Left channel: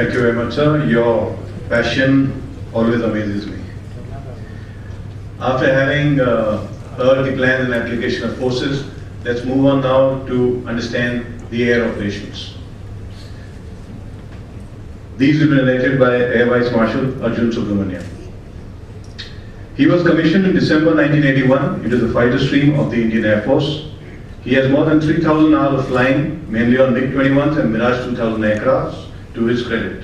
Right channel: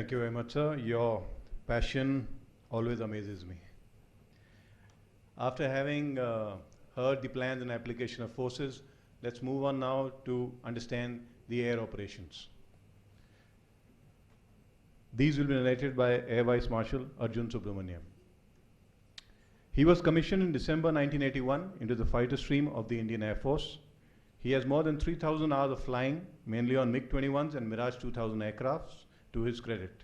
Thank you very much, sir. Your passion always amazes me. After having heard the plans and application of forces, let's move on now to understand the air operations. These will be narrated by Air Vice Marshal Arjun Subramaniam. He was commissioned in December 1981 into the fighter stream of the Indian Air Force. He has more than 3,000 hours of flying, mainly on MiG-21s and Mirage 2000 aircrafts, to his credit.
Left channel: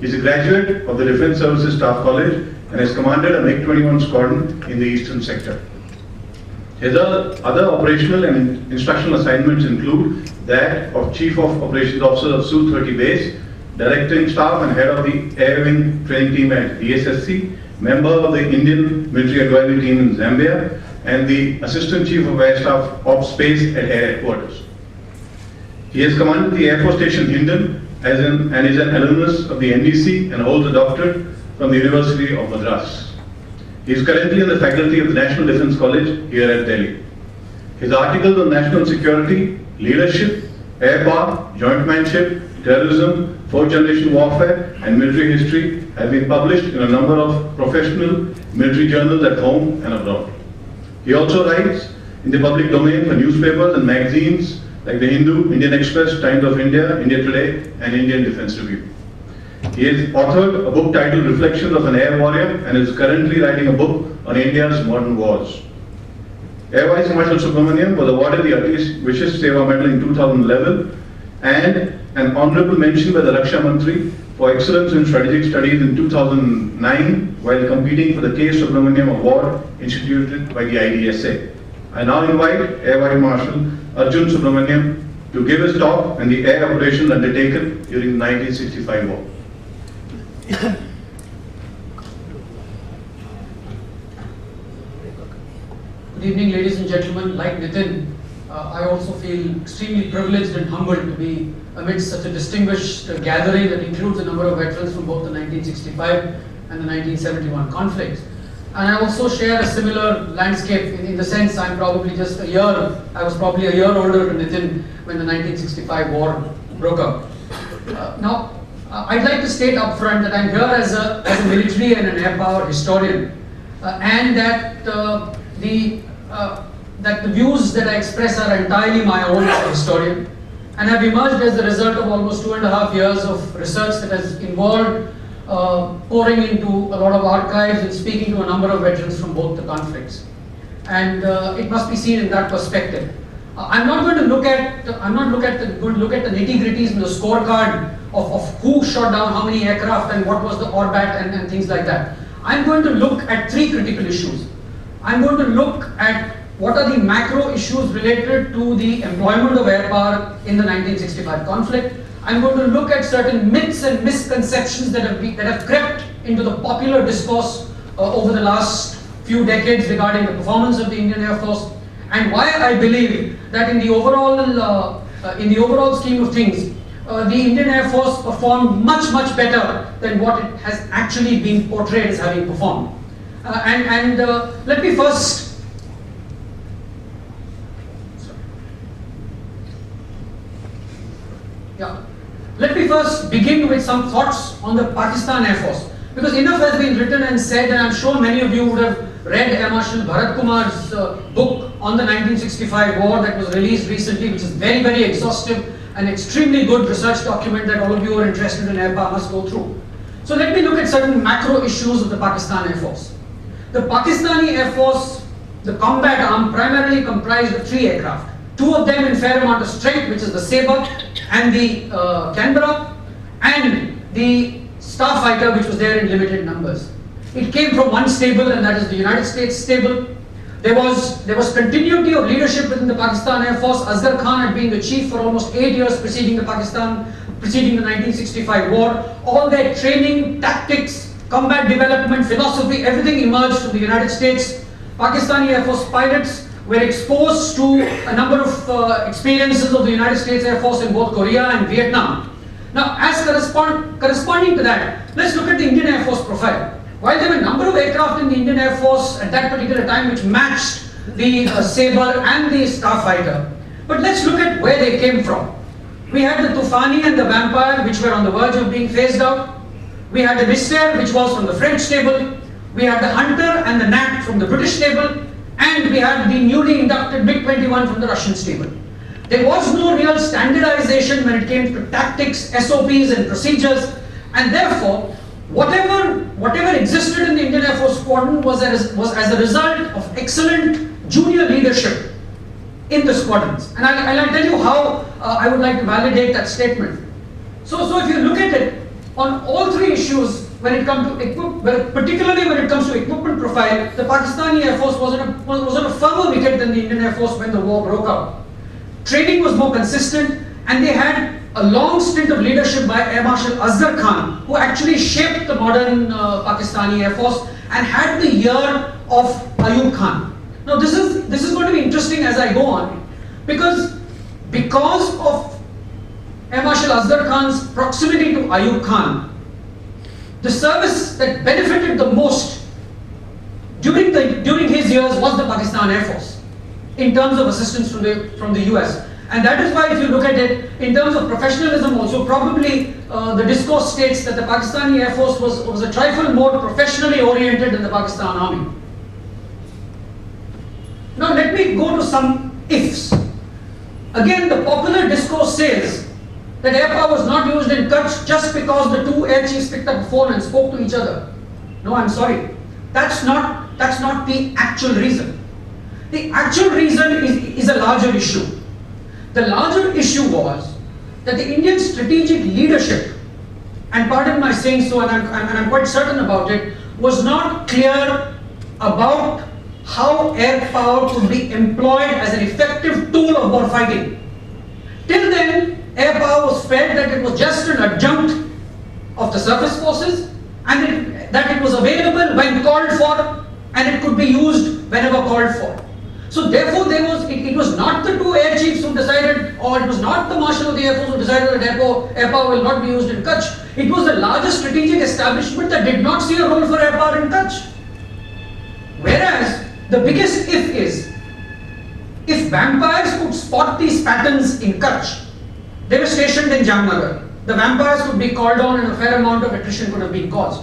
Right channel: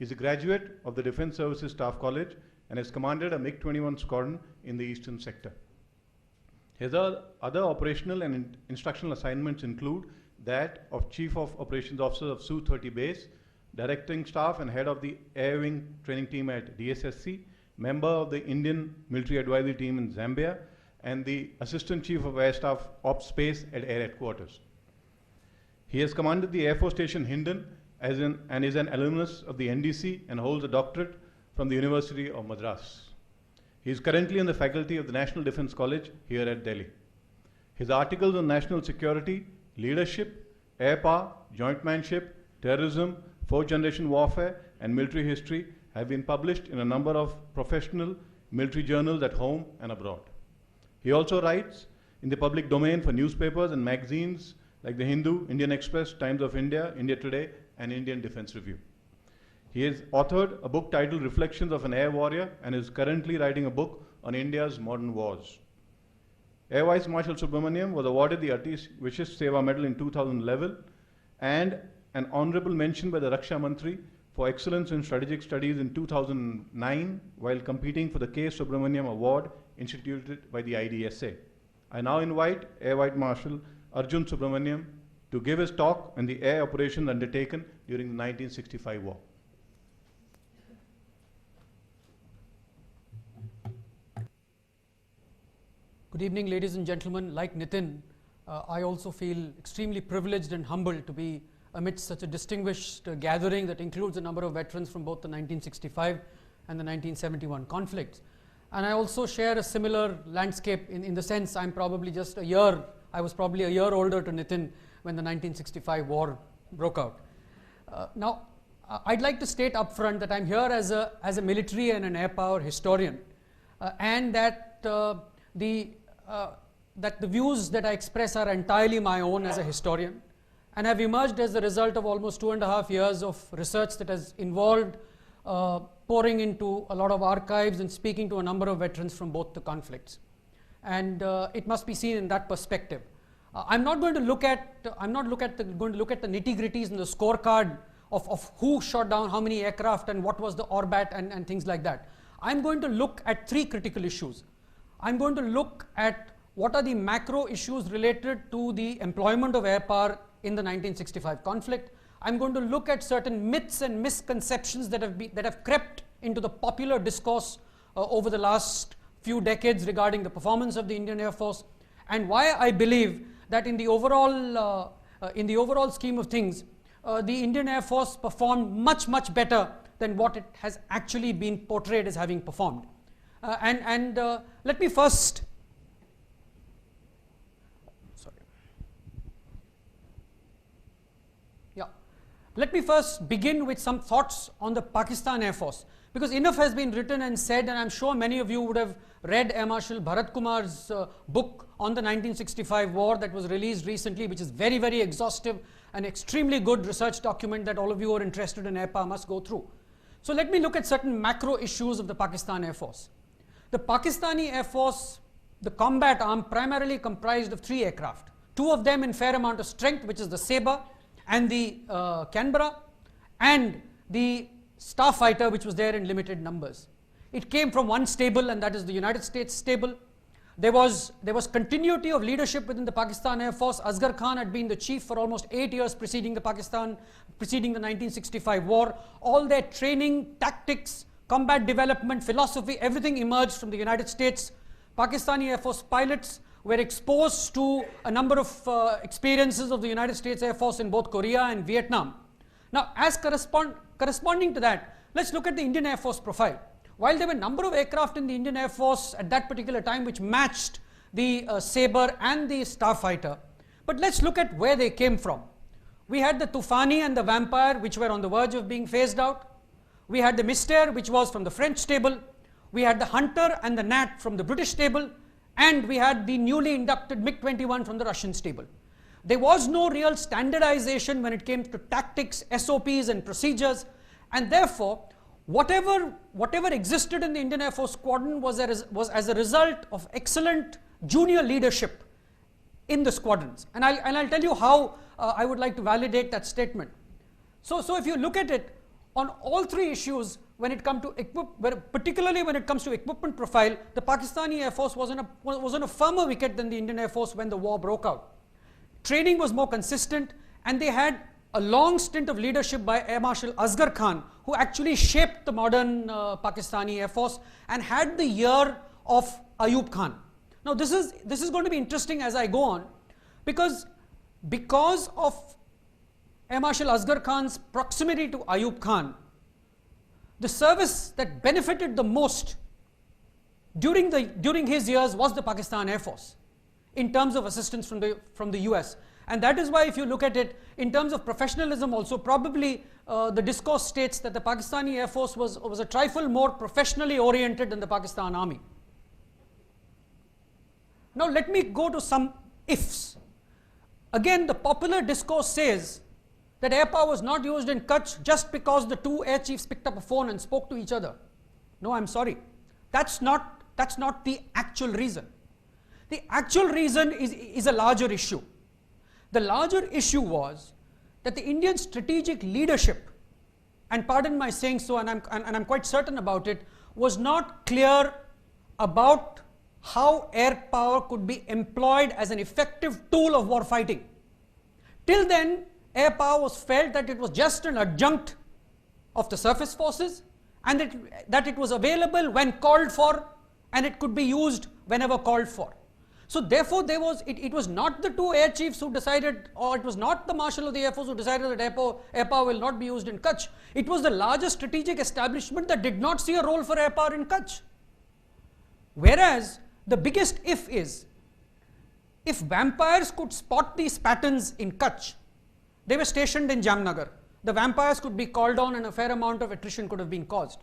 He is a graduate of the Defence Services Staff College and has commanded a MiG-21 squadron in the eastern sector. His other operational and instructional assignments include that of Chief of Operations Officer of Su-30 Base, Directing Staff and Head of the Air Wing Training Team at DSSC, member of the Indian Military Advisory Team in Zambia, and the Assistant Chief of Air Staff of Space at Air Headquarters. He has commanded the Air Force Station Hindon and is an alumnus of the NDC and holds a doctorate from the University of Madras. He is currently in the faculty of the National Defence College here at Delhi. His articles on national security, leadership, air power, jointmanship, terrorism, fourth generation warfare, and military history have been published in a number of professional military journals at home and abroad. He also writes in the public domain for newspapers and magazines like the Hindu, Indian Express, Times of India, India Today, and Indian Defence Review. He has authored a book titled Reflections of an Air Warrior and is currently writing a book on India's modern wars. Air Vice Marshal Subramaniam was awarded the Ati Vishish Seva Medal in 2011 and an honourable mention by the Raksha Mantri for excellence in strategic studies in 2009 while competing for the K. Subramaniam Award instituted by the IDSA. I now invite Air Vice Marshal Arjun Subramaniam to give his talk on the air operations undertaken during the 1965 war. Good evening, ladies and gentlemen. Like Nitin, I also feel extremely privileged and humbled to be amidst such a distinguished gathering that includes a number of veterans from both the 1965 and the 1971 conflicts. And I also share a similar landscape in the sense I was probably a year older than Nitin when the 1965 war broke up. Now, I'd like to state up front that I'm here as a military and an air power historian, and that the views that I express are entirely my own as a historian, and have emerged as the result of almost 2.5 years of research that has involved pouring into a lot of archives and speaking to a number of veterans from both the conflicts. And it must be seen in that perspective. I'm not going to look at the nitty-gritties and the scorecard of who shot down how many aircraft and what was the orbat and things like that. I'm going to look at three critical issues. I'm going to look at what are the macro issues related to the employment of air power in the 1965 conflict. I'm going to look at certain myths and misconceptions that have crept into the popular discourse over the last few decades regarding the performance of the Indian Air Force, and why I believe that in the overall scheme of things, the Indian Air Force performed much better than what it has actually been portrayed as having performed. Let me first Let me first begin with some thoughts on the Pakistan Air Force, because enough has been written and said, and I'm sure many of you would have read Air Marshal Bharat Kumar's book on the 1965 war that was released recently, which is very exhaustive and extremely good research document that all of you who are interested in air power must go through. So let me look at certain macro issues of the Pakistan Air Force. The Pakistani Air Force, the combat arm, primarily comprised of 3 aircraft. 2 of them in fair amount of strength, which is the Sabre and the Canberra, and the Starfighter, which was there in limited numbers. It came from one stable, and that is the United States stable. There was continuity of leadership within the Pakistan Air Force. Asghar Khan had been the chief for almost 8 years preceding the 1965 war. All their training, tactics, combat development, philosophy, everything emerged from the United States. Pakistani Air Force pilots were exposed to a number of experiences of the United States Air Force in both Korea and Vietnam. Now, as corresponding to that, let's look at the Indian Air Force profile. While there were a number of aircraft in the Indian Air Force at that particular time which matched the Sabre and the Starfighter, but let's look at where they came from. We had the Tufani and the Vampire, which were on the verge of being phased out. We had the Mystère, which was from the French stable. We had the Hunter and the Nat from the British stable. And we had the newly inducted MiG-21 from the Russian stable. There was no real standardization when it came to tactics, SOPs and procedures. And therefore, whatever existed in the Indian Air Force squadron was as a result of excellent junior leadership in the squadrons. And I'll tell you how I would like to validate that statement. So if you look at it, on all three issues, when it comes to particularly when it comes to equipment profile, the Pakistani Air Force was on a firmer wicket than the Indian Air Force when the war broke out. Training was more consistent, and they had a long stint of leadership by Air Marshal Asghar Khan, who actually shaped the modern Pakistani Air Force and had the ear of Ayub Khan. Now this is going to be interesting as I go on, because of Air Marshal Asghar Khan's proximity to Ayub Khan, the service that benefited the most during his years was the Pakistan Air Force in terms of assistance from the US. And that is why, if you look at it in terms of professionalism also, probably the discourse states that the Pakistani Air Force was a trifle more professionally oriented than the Pakistan Army. Now let me go to some ifs. Again, the popular discourse says that air power was not used in Kutch just because the two air chiefs picked up the phone and spoke to each other. No, I'm sorry. That's not the actual reason. The actual reason is a larger issue. The larger issue was that the Indian strategic leadership, and pardon my saying so, and I'm quite certain about it, was not clear about how air power could be employed as an effective tool of war fighting. Till then, air power was felt that it was just an adjunct of the surface forces, and that it was available when called for, and it could be used whenever called for. So therefore, it was not the two air chiefs who decided, or it was not the Marshal of the Air Force who decided that air power will not be used in Kutch. It was the larger strategic establishment that did not see a role for air power in Kutch. Whereas, the biggest if is, if vampires could spot these patterns in Kutch, they were stationed in Jamnagar. The vampires could be called on and a fair amount of attrition could have been caused.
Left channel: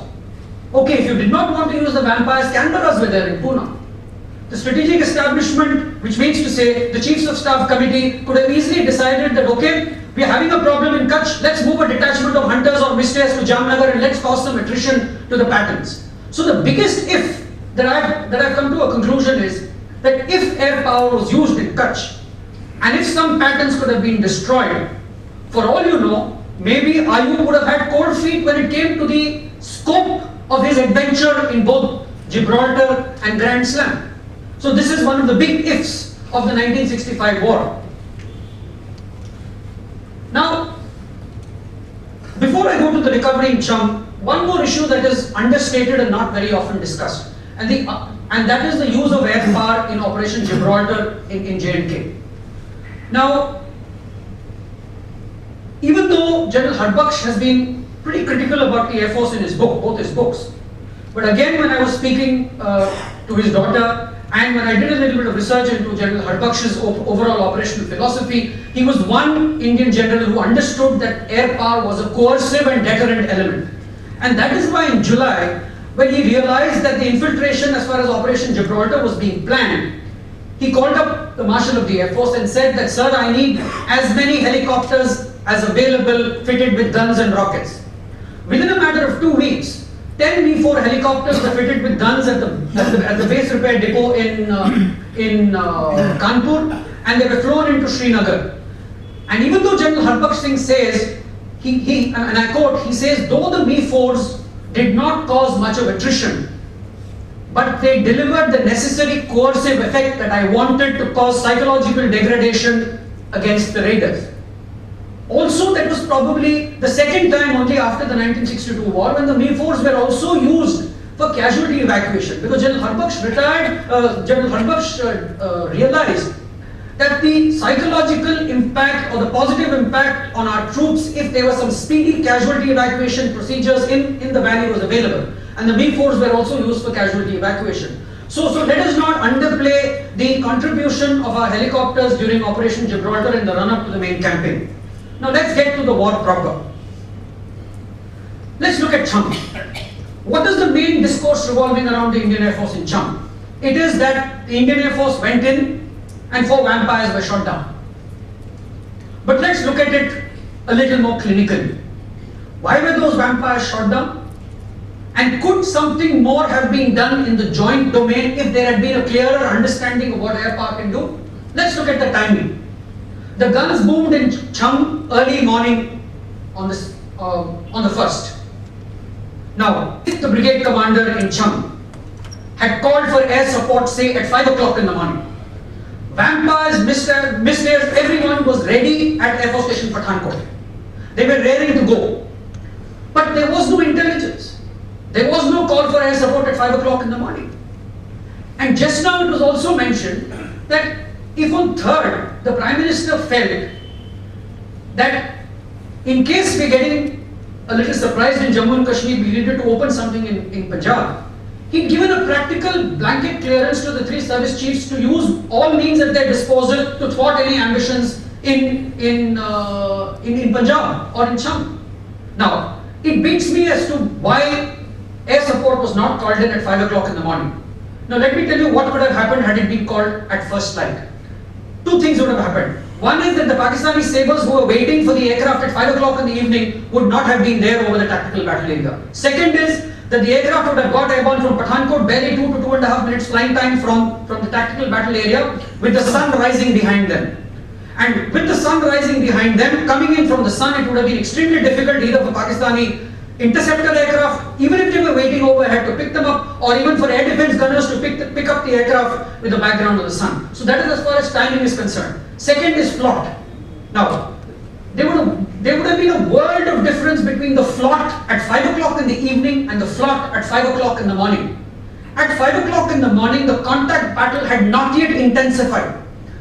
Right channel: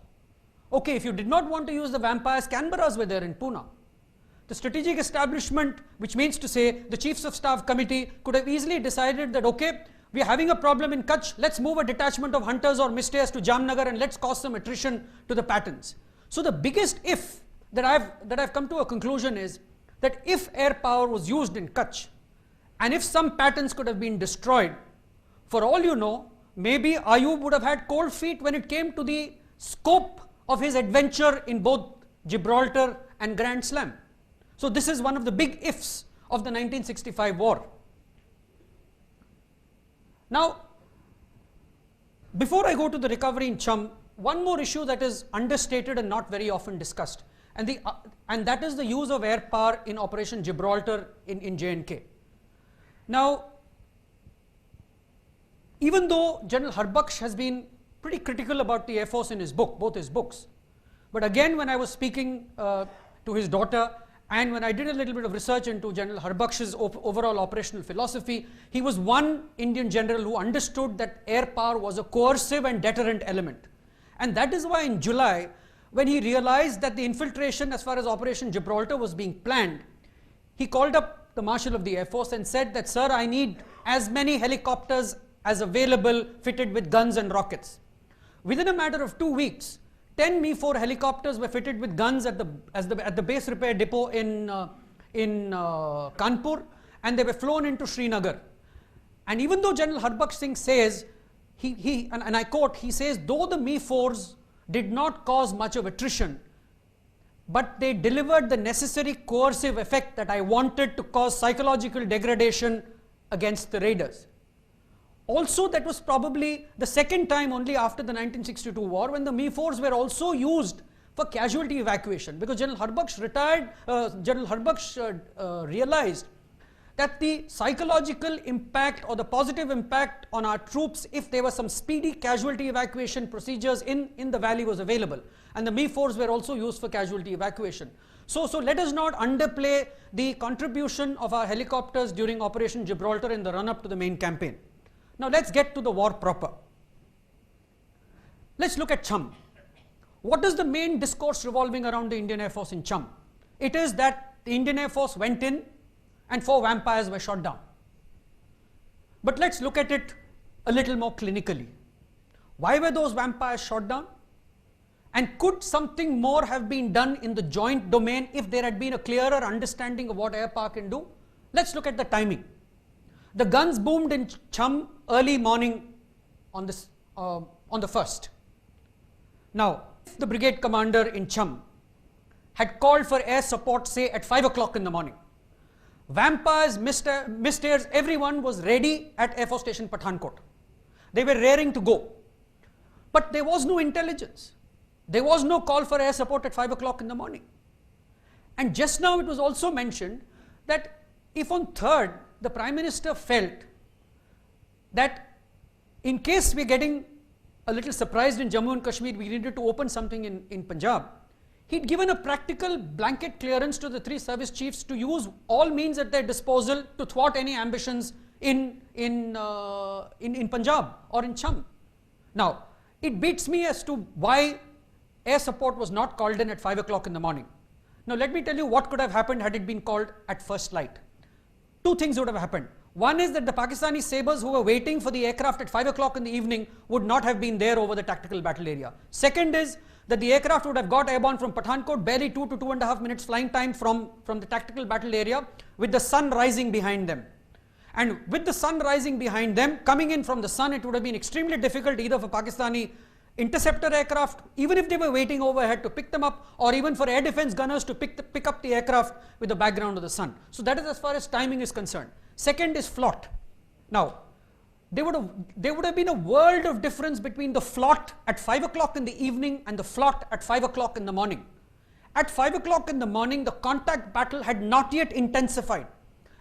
Okay, if you did not want to use the vampires, Canberras were there in Pune. The strategic establishment, which means to say the Chiefs of Staff Committee, could have easily decided that, okay, we are having a problem in Kutch, let's move a detachment of hunters or Mystères to Jamnagar and let's cause some attrition to the patterns. So the biggest if that I've come to a conclusion is that if air power was used in Kutch, and if some patterns could have been destroyed, for all you know, maybe Ayub would have had cold feet when it came to the scope of his adventure in both Gibraltar and Grand Slam. So this is one of the big ifs of the 1965 war. Now, before I go to the recovery in Cham, one more issue that is understated and not very often discussed, and that is the use of air power in Operation Gibraltar in J&K. Now, even though General Harbaksh has been pretty critical about the Air Force in his book, both his books, but again, when I was speaking to his daughter, and when I did a little bit of research into General Harbaksh's overall operational philosophy, he was one Indian general who understood that air power was a coercive and deterrent element. And that is why in July, when he realized that the infiltration as far as Operation Gibraltar was being planned, he called up the Marshal of the Air Force and said that, sir, I need as many helicopters as available fitted with guns and rockets. Within a matter of 2 weeks, 10 V-4 helicopters were fitted with guns at the base repair depot in Kanpur, and they were flown into Srinagar. And even though General Harbaksh Singh says, and I quote, he says, though the V-4s did not cause much of attrition, but they delivered the necessary coercive effect that I wanted to cause psychological degradation against the raiders. Also, that was probably the second time only after the 1962 war when the V-4s were also used for casualty evacuation, because General Harbaksh realized that the psychological impact or the positive impact on our troops, if there were some speedy casualty evacuation procedures in the valley, was available. And the V-4s were also used for casualty evacuation. So let us not underplay the contribution of our helicopters during Operation Gibraltar in the run-up to the main campaign. Now let's get to the war proper. Let's look at Cham. What is the main discourse revolving around the Indian Air Force in Cham? It is that the Indian Air Force went in and 4 vampires were shot down. But let's look at it a little more clinically. Why were those vampires shot down? And could something more have been done in the joint domain if there had been a clearer understanding of what Air Power can do? Let's look at the timing. The guns boomed in Cham early morning on the 1st. Now, if the brigade commander in Cham had called for air support, say at 5 o'clock in the morning, vampires, missiles, everyone was ready at Air Force Station Pathankot. They were raring to go. But there was no intelligence. There was no call for air support at 5 o'clock in the morning. And just now it was also mentioned that if on 3rd, the Prime Minister felt that in case we're getting a little surprised in Jammu and Kashmir, we needed to open something in Punjab, he'd given a practical blanket clearance to the 3 service chiefs to use all means at their disposal to thwart any ambitions in Punjab or in Cham. Now, it beats me as to why air support was not called in at 5 o'clock in the morning. Now, let me tell you what would have happened had it been called at first light. 2 things would have happened. One is that the Pakistani sabers who were waiting for the aircraft at 5 o'clock in the evening would not have been there over the tactical battle area. Second is that the aircraft would have got airborne from Pathankot, barely 2 to 2.5 minutes flying time from the tactical battle area, with the sun rising behind them. And with the sun rising behind them, coming in from the sun, it would have been extremely difficult either for Pakistani interceptor aircraft, even if they were waiting overhead, to pick them up, or even for air defense gunners to pick up the aircraft with the background of the sun. So that is as far as timing is concerned. Second is flot. Now, there would have been a world of difference between the flot at 5 o'clock in the evening and the flot at 5 o'clock in the morning. At 5 o'clock in the morning, the contact battle had not yet intensified,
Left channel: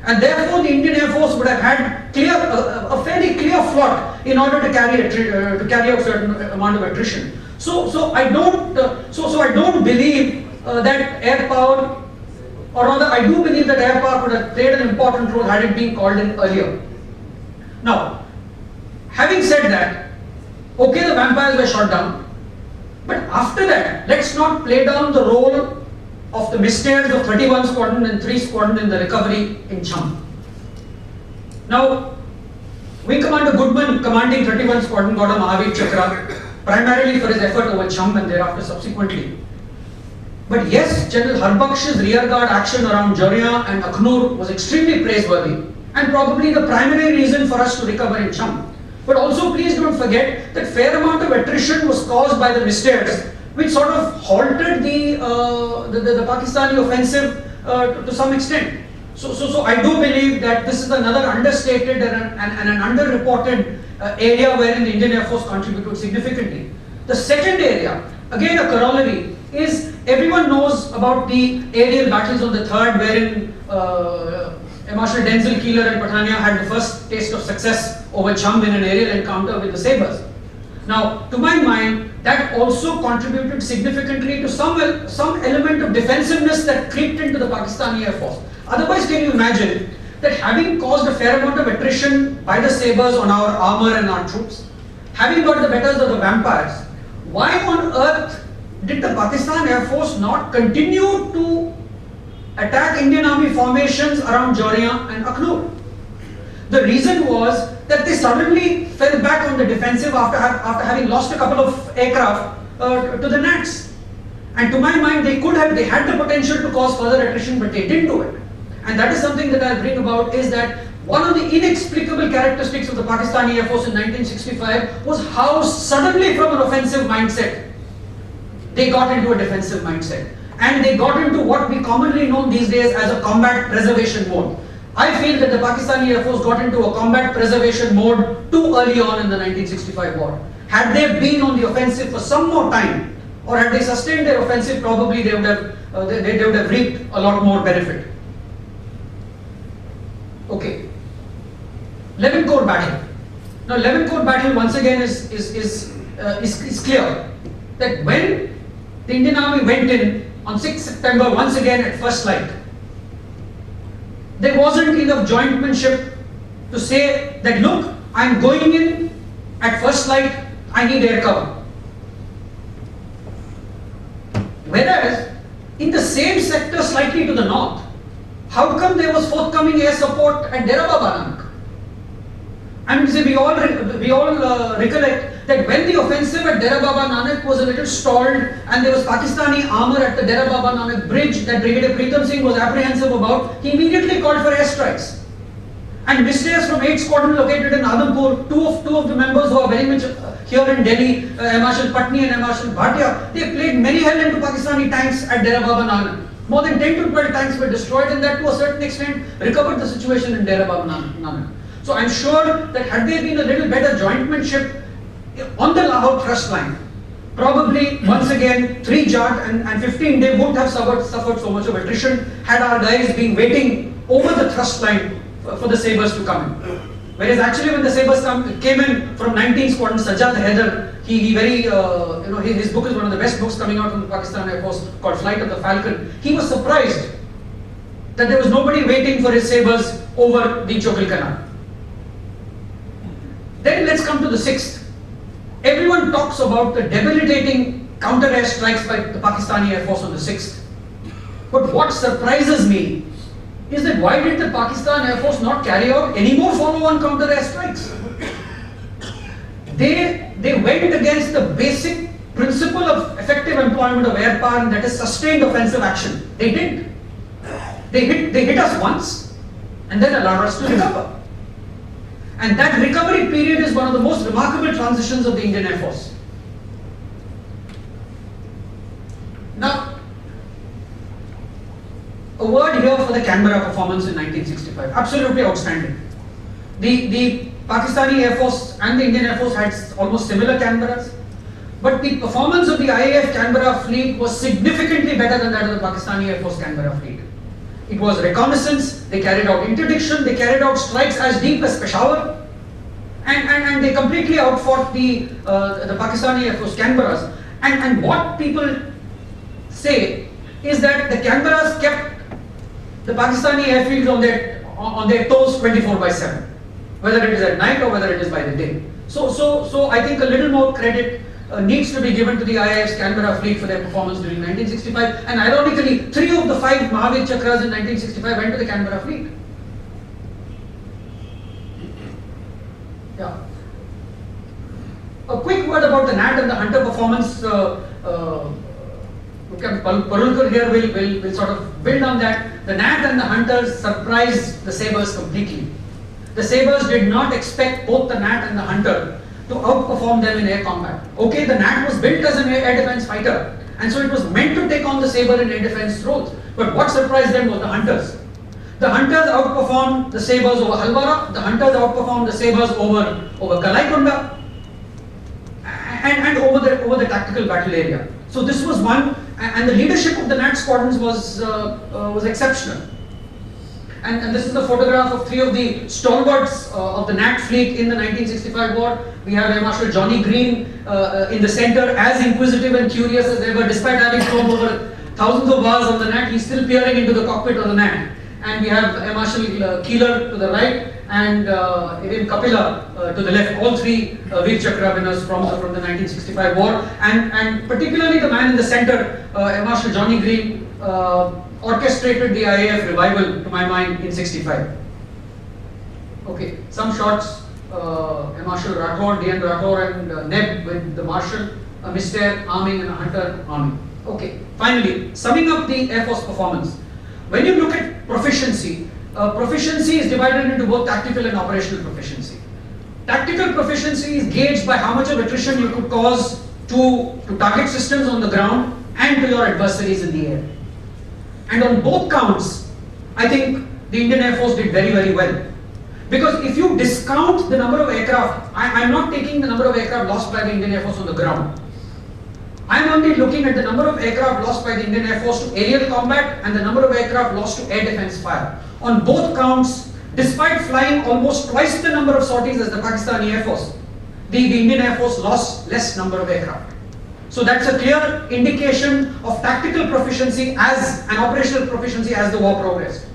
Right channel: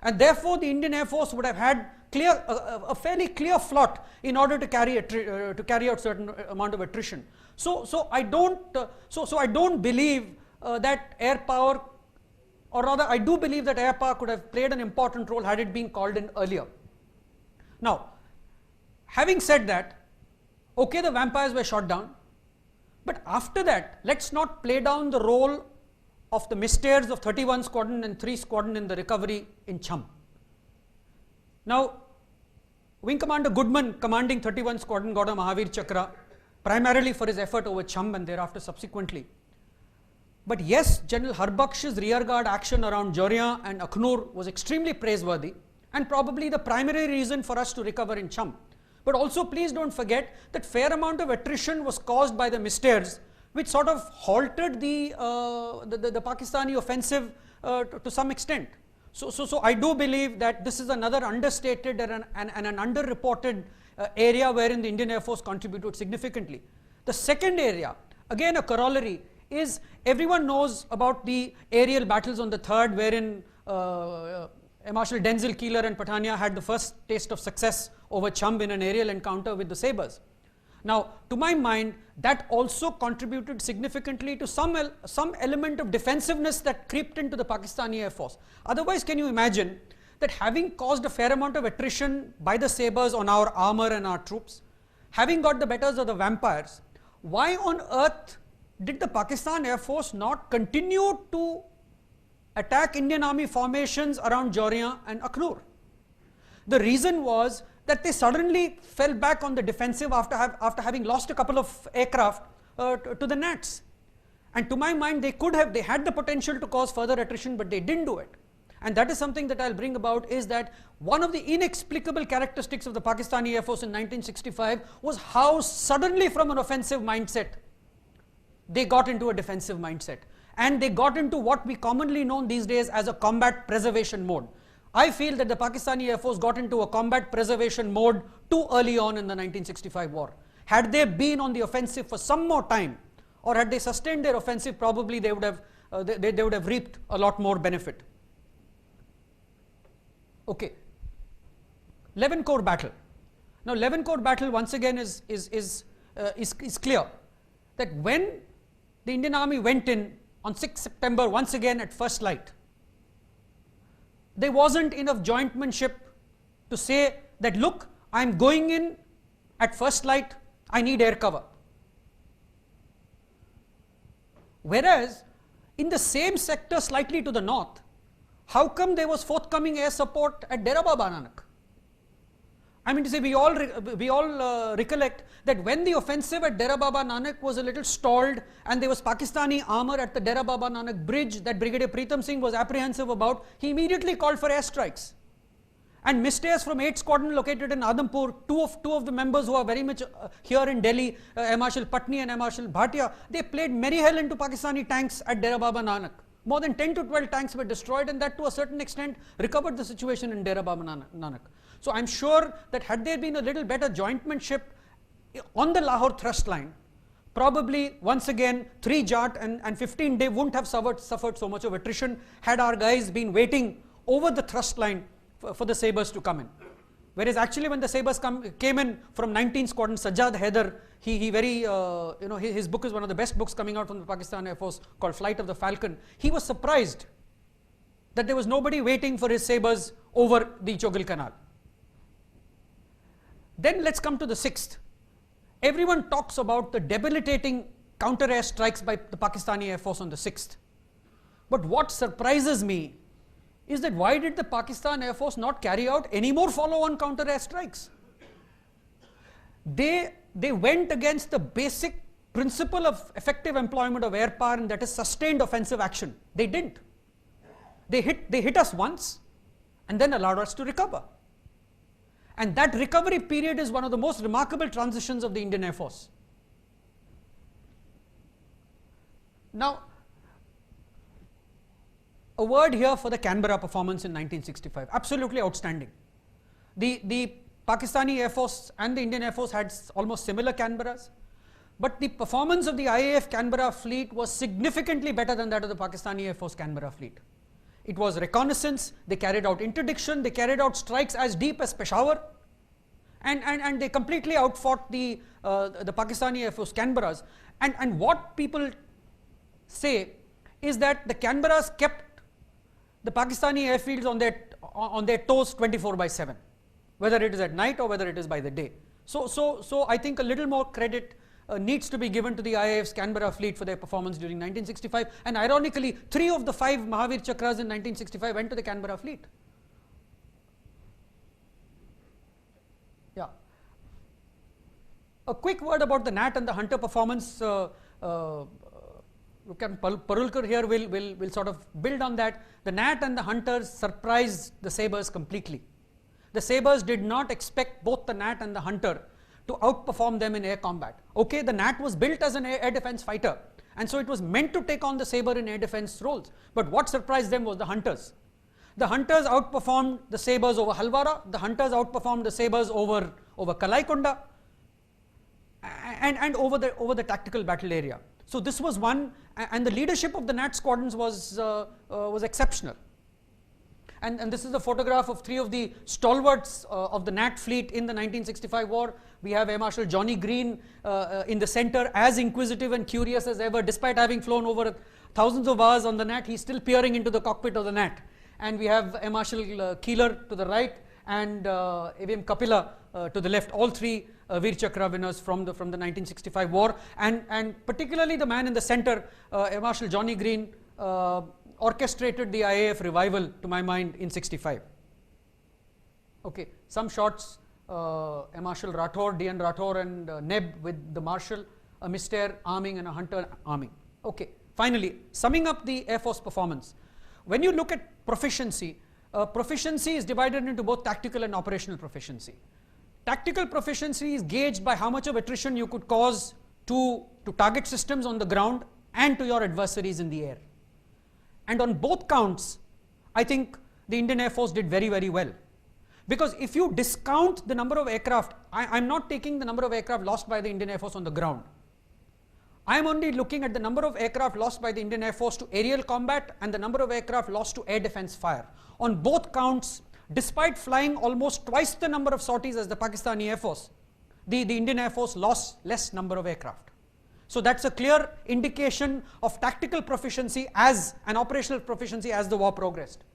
and therefore the Indian Air Force would have had a fairly clear flot in order to carry out certain amount of attrition. So I don't believe that air power, or rather I do believe that air power could have played an important role had it been called in earlier. Now, having said that, okay, the vampires were shot down, but after that, let's not play down the role of the mistakes of 31 Squadron and 3 Squadron in the recovery in Cham. Now, Wing Commander Goodman, commanding 31 Squadron, got a Mahavir Chakra, primarily for his effort over Cham and thereafter subsequently. But yes, General Harbakhsh's rearguard action around Jaria and Akhnur was extremely praiseworthy, and probably the primary reason for us to recover in Cham. But also, please don't forget that fair amount of attrition was caused by the mistakes, which sort of halted the Pakistani offensive to some extent. So I do believe that this is another understated and an underreported area wherein the Indian Air Force contributed significantly. The second area, again a corollary, is everyone knows about the aerial battles on the 3rd, wherein Air Marshal Denzel Keeler and Pathania had the first taste of success over Cham in an aerial encounter with the sabers. Now, to my mind, that also contributed significantly to some element of defensiveness that crept into the Pakistani Air Force. Otherwise, can you imagine that having caused a fair amount of attrition by the sabers on our armor and our troops, having got the betters of the vampires, why on earth did the Pakistan Air Force not continue to attack Indian Army formations around Jaria and Akhnur? The reason was that they suddenly fell back on the defensive after having lost a couple of aircraft to the Nats. And to my mind, they had the potential to cause further attrition, but they didn't do it. And that is something that I'll bring about, is that one of the inexplicable characteristics of the Pakistani Air Force in 1965 was how suddenly from an offensive mindset, they got into a defensive mindset. And they got into what we commonly know these days as a combat preservation mode. I feel that the Pakistani Air Force got into a combat preservation mode too early on in the 1965 war. Had they been on the offensive for some more time, or had they sustained their offensive, probably they would have reaped a lot more benefit. Okay, 11 Corps battle. Now, 11 Corps battle once again is clear that when the Indian Army went in on 6th September once again at first light, there wasn't enough jointmanship to say that, look, I'm going in at first light, I need air cover. Whereas, in the same sector slightly to the north, how come there was forthcoming air support at Dera Baba Nanak? I mean, see, we all recollect that when the offensive at Dera Baba Nanak was a little stalled and there was Pakistani armour at the Dera Baba Nanak bridge that Brigadier Pritam Singh was apprehensive about, he immediately called for airstrikes. And missiles from 8th Squadron located in Adhampur, two of the members who are very much here in Delhi, Air Marshal Patni and Air Marshal Bhatia, they played many hell into Pakistani tanks at Dera Baba Nanak. More than 10 to 12 tanks were destroyed, and that to a certain extent recovered the situation in Dera Baba Nanak. So I'm sure that had there been a little better jointmanship on the Lahore thrust line, probably once again 3 Jat and 15 they wouldn't have suffered so much of attrition had our guys been waiting over the thrust line for the sabres to come in. Whereas actually when the sabres came in from 19th Squadron, Sajjad Haider, his book is one of the best books coming out from the Pakistan Air Force called Flight of the Falcon. He was surprised that there was nobody waiting for his sabres over the Chokil Canal. Then let's come to the 6th. Everyone talks about the debilitating counter-air strikes by the Pakistani Air Force on the 6th. But what surprises me is that why did the Pakistan Air Force not carry out any more follow-on counter-air strikes? They went against the basic principle of effective employment of air power, and that is sustained offensive action. They did. They hit us once and then allowed us to recover. And that recovery period is one of the most remarkable transitions of the Indian Air Force. Now, a word here for the Canberra performance in 1965. Absolutely outstanding. The Pakistani Air Force and the Indian Air Force had almost similar Canberras, but the performance of the IAF Canberra fleet was significantly better than that of the Pakistani Air Force Canberra fleet. It was reconnaissance, they carried out interdiction, they carried out strikes as deep as Peshawar, and they completely outfought the Pakistani Air Force Canberras. And what people say is that the Canberras kept the Pakistani airfields on their toes 24/7, whether it is at night or whether it is by the day. So I think a little more credit needs to be given to the IAF's Canberra fleet for their performance during 1965, and ironically 3 of the 5 Mahavir Chakras in 1965 went to the Canberra fleet. Yeah. A quick word about the Nat and the Hunter performance. Parulkar here will sort of build on that. The Nat and the Hunters surprised the Sabres completely. The Sabres did not expect both the Nat and the Hunter to outperform them in air combat. Okay, the Nat was built as an air defense fighter, and so it was meant to take on the Sabre in air defense roles. But what surprised them was the Hunters. The Hunters outperformed the Sabres over Halwara, the Hunters outperformed the Sabres over Galaikonda, and over the tactical battle area. So this was one, and the leadership of the Nat squadrons was exceptional. And this is a photograph of 3 of the stalwarts of the Nat fleet in the 1965 war. We have Air Marshal Johnny Green in the center, as inquisitive and curious as ever, despite having flown over thousands of hours on the Nat, he's still peering into the cockpit of the Nat. And we have Air Marshal Keeler to the right, and Irin Kapila to the left, all 3 Veer Chakra winners from the 1965 war. And particularly the man in the center, Air Marshal Johnny Green, orchestrated the IAF revival, to my mind, in 65. Okay, some shots, Air Marshal Rathore, DN Rathore and Neb with the Marshal, a Mr. arming and a Hunter arming. Okay, finally, summing up the Air Force performance. When you look at proficiency, proficiency is divided into both tactical and operational proficiency. Tactical proficiency is gauged by how much of attrition you could cause to target systems on the ground and to your adversaries in the air. And on both counts, I think the Indian Air Force did very, very well. Because if you discount the number of aircraft, I'm not taking the number of aircraft lost by the Indian Air Force on the ground. I'm only looking at the number of aircraft lost by the Indian Air Force to aerial combat and the number of aircraft lost to air defense fire. On both counts, despite flying almost twice the number of sorties as the Pakistani Air Force, the Indian Air Force lost less number of aircraft. So that's a clear indication of tactical proficiency and operational proficiency as the war progressed.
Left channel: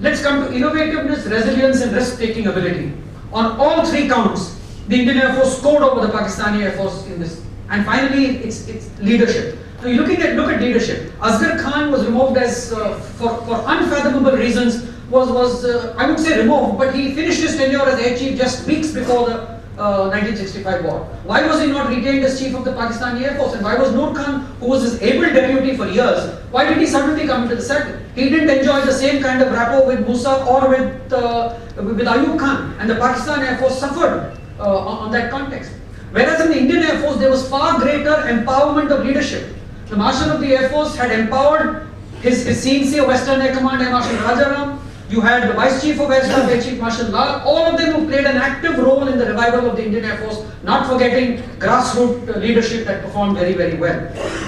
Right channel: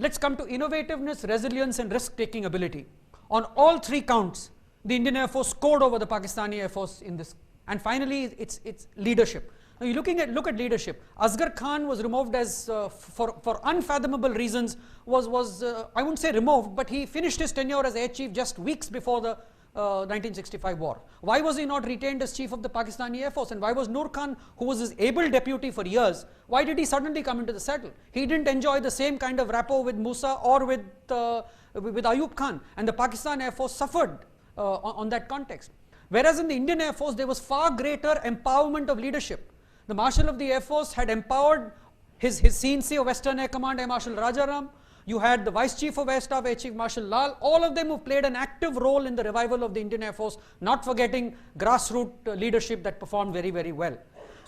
Let's come to innovativeness, resilience and risk-taking ability. On all three counts, the Indian Air Force scored over the Pakistani Air Force in this. And finally, it's leadership. Now, look at leadership. Asghar Khan was removed as for unfathomable reasons. Was I would say removed, but he finished his tenure as Air Chief just weeks before the 1965 war. Why was he not retained as Chief of the Pakistani Air Force? And why was Noor Khan, who was his able deputy for years, why did he suddenly come into the saddle? He didn't enjoy the same kind of rapport with Musa or with Ayub Khan, and the Pakistan Air Force suffered on that context. Whereas in the Indian Air Force, there was far greater empowerment of leadership. The Marshal of the Air Force had empowered his CNC of Western Air Command, Air Marshal Rajaram. You had the Vice Chief of Air Staff, Air Chief Marshal Lal, all of them who played an active role in the revival of the Indian Air Force, not forgetting grassroots leadership that performed very, very well.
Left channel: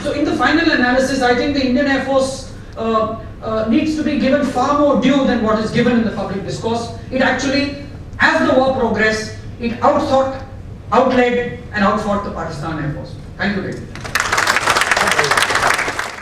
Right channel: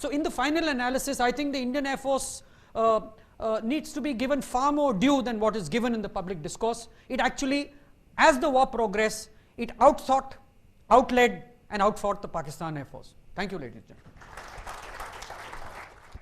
So in the final analysis, I think the Indian Air Force needs to be given far more due than what is given in the public discourse. It actually, as the war progressed, it outthought, outled and outfought the Pakistan Air Force. Thank you, David.